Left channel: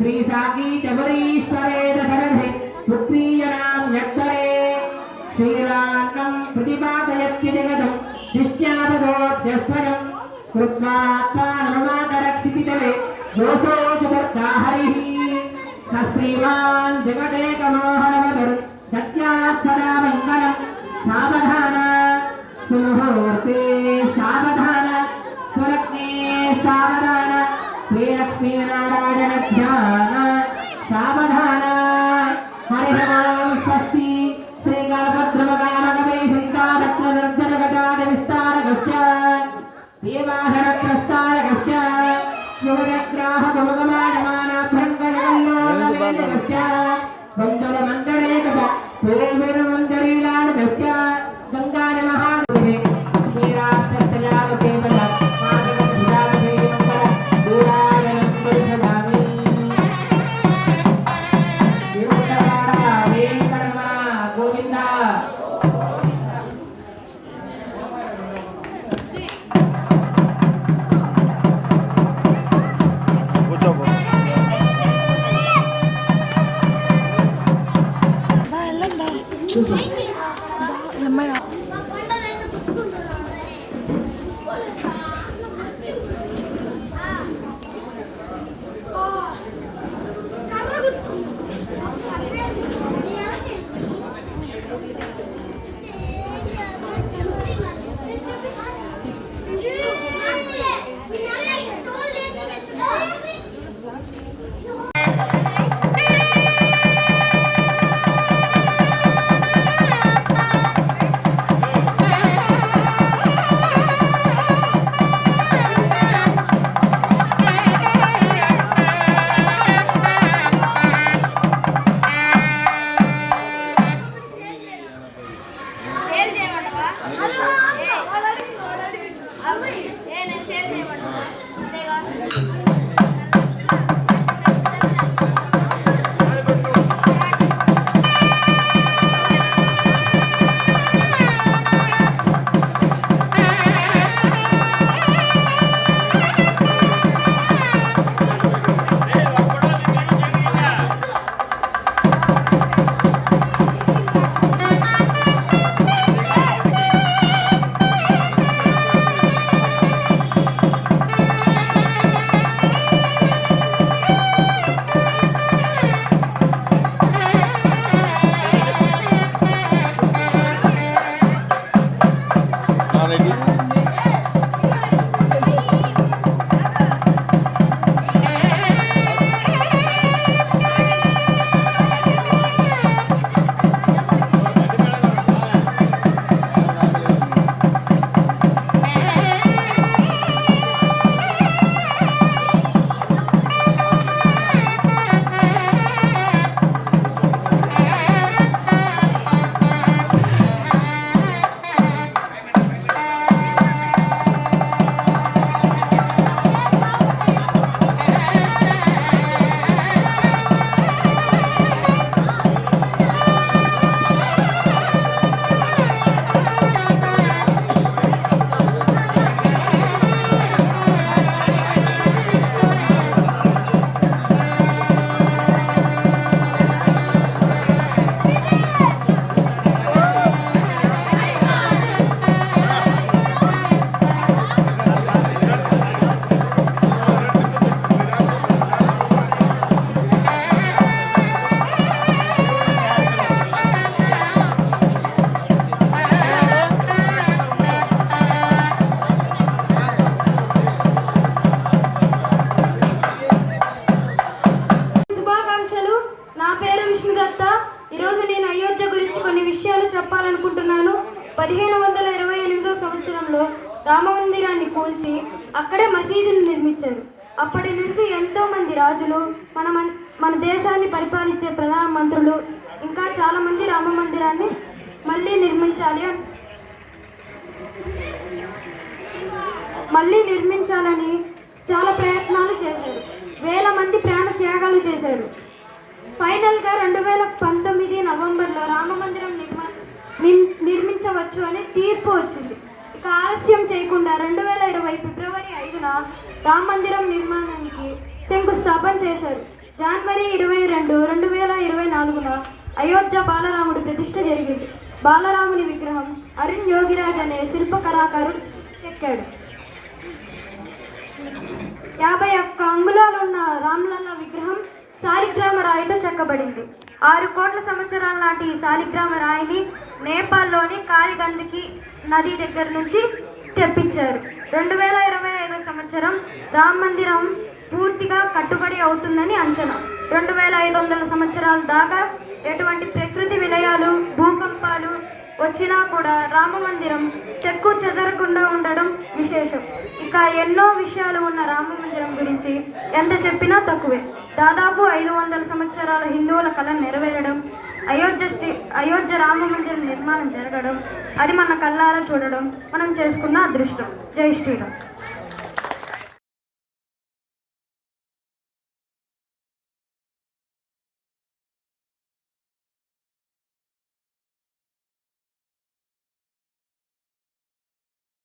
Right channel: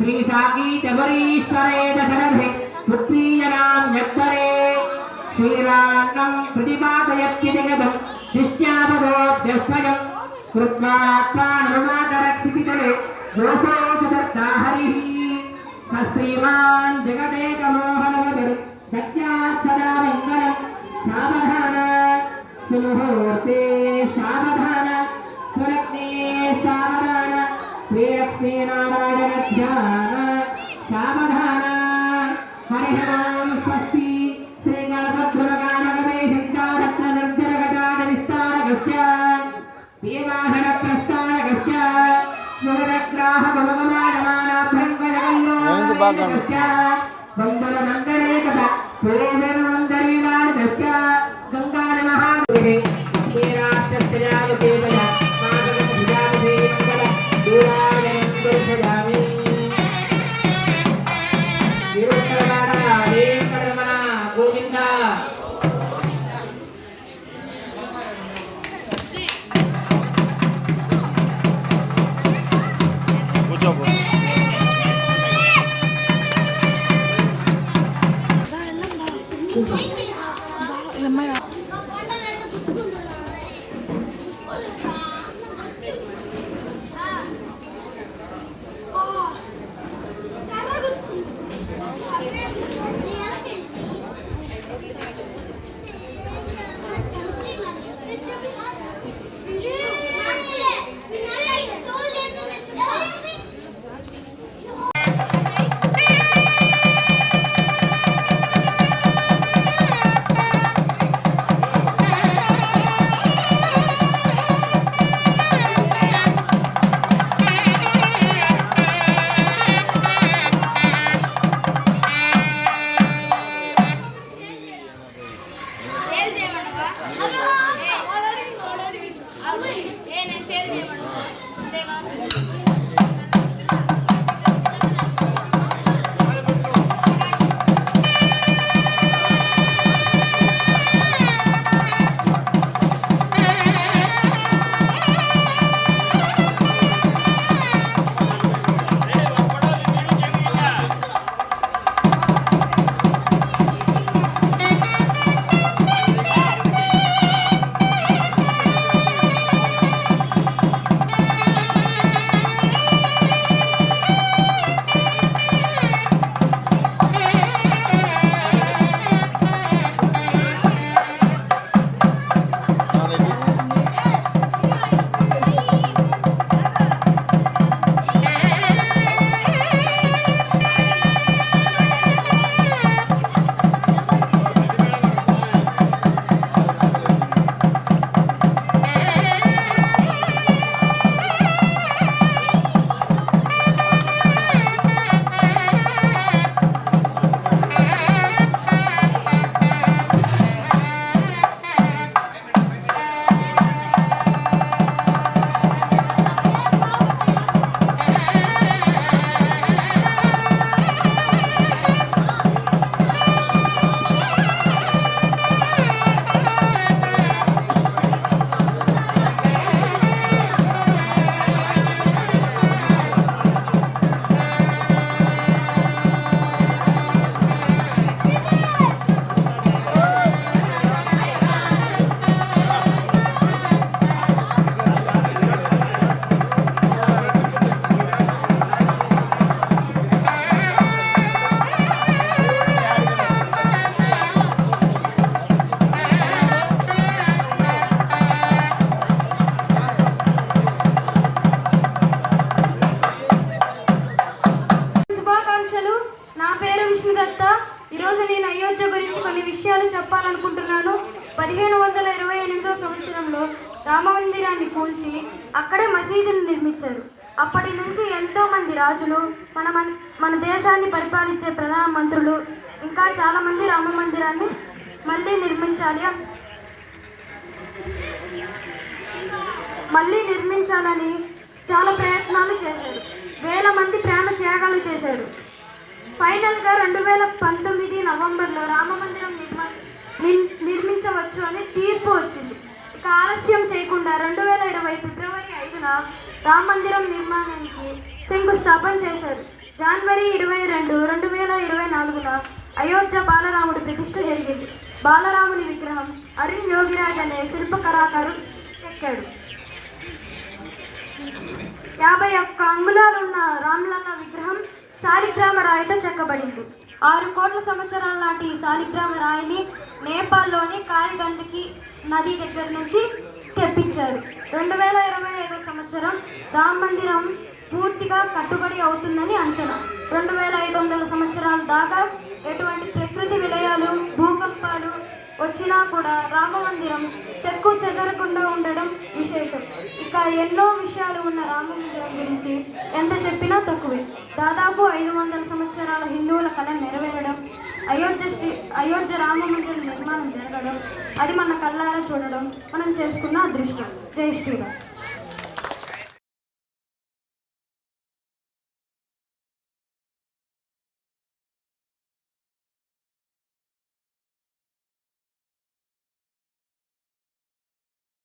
श्री साकीतवरीश्वरे दशरथे पुत्रीजनान्यत्तरे क्षीरान्नं प्रतिपादयत्य जगदं दिष्ट्यापदोऽध्यस्वयं कृत्वा आत्मानममातरक्षितितले दोषो चतुर्था हरिः स श्रीमान् जगदेकमोहनवदर् दत्यात् सदा मङ्गलं सावधान सुमुहूर्ते सावधान सुलग्ने सावधान श्रीलक्ष्मीनारायण ध्यान सावधान हरिः ओं स्वस्ति श्रीगणपद्रवगानगवेशन्तारत्ननिर्जनगजानविस्तारकस्य देवाहनप्रस्तारकस्य युवग्राहगमगमायमानाभ्यङ्गजगल्लोकस्य मङ्गलमण्डलेकदा पूर्वमञ्जरीलानदस्य गङ्गानमहादेवे लक्ष्मीराष्ट्रस्य చెప్పాలనుకుంటున్నాను. 1528 సంవత్సరంలో రామమందిరాన్ని కూల్చి అక్కడే మసీదును నిర్మించారు. అప్పటి నుంచి ఎంతో మంది రాజులు, మన దేశాన్ని పరిపాలించే ప్రధాన మంత్రులు ఇంకా చాలా మంది రామ మందిరాన్ని మళ్ళీ నిర్మించాలని చాలా ప్రయత్నాలు చేశారు. వేల మంది ప్రాణ త్యాగాలు చేశారు. ఫైనల్గా 2019 నవంబర్లో రామ మందిరం నిర్మించవచ్చు అని తీర్పు వచ్చింది. ఇక ఆలస్యం చేయకుండా 2020 ఫిబ్రవరి 5న రామ మందిరం నిర్మాణానికి శంకుస్థాపన చేశారు. జనవరి 22, 2024న అయోధ్య బాలరాముడి ప్రతిష్ఠ జరిగింది. బాలరాముని విగ్రహం అరుణ్ యోగిరాజ్ అనే శిల్ప కళాకారుడు చెక్కాడు. 51 అంగుళాలున్న రామ్లల్ల విగ్రహం శాలిగ్రామ రాయితో చెక్కబడింది. 6 కోట్ల సంవత్సరాల నాటి ఈ శాలిగ్రామ రాయిని నేపాల్లోని కాలిగందకి నది దగ్గర నుంచి తెప్పించారు. 2025 సంవత్సరం రామ మందిరం పూర్తిగా కట్టుబడి అవుతుందని అంచనా. 2500 సంవత్సరాల దాకా ఎటువంటి ప్రకృతి విలయాలు, భూకంపాలు వచ్చినా కూడా రామ మందిరం చెక్కు చెదరకుండా ఉండడం విశేషం. ఇక ఎన్నో విషయాలు ఉన్న రామ మందిరం గురించి ఎంత చెప్పినా తక్కువే. దాదాపు 500 సంవత్సరాల హిందువుల కళ నెరవేరడం, అయోధ్య రామ మందిరం నిర్మాణం జరగడం, అది మన కళ్ళారా చూడడం మనం చేసుకున్న అదృష్టం. జై శ్రీరామ్.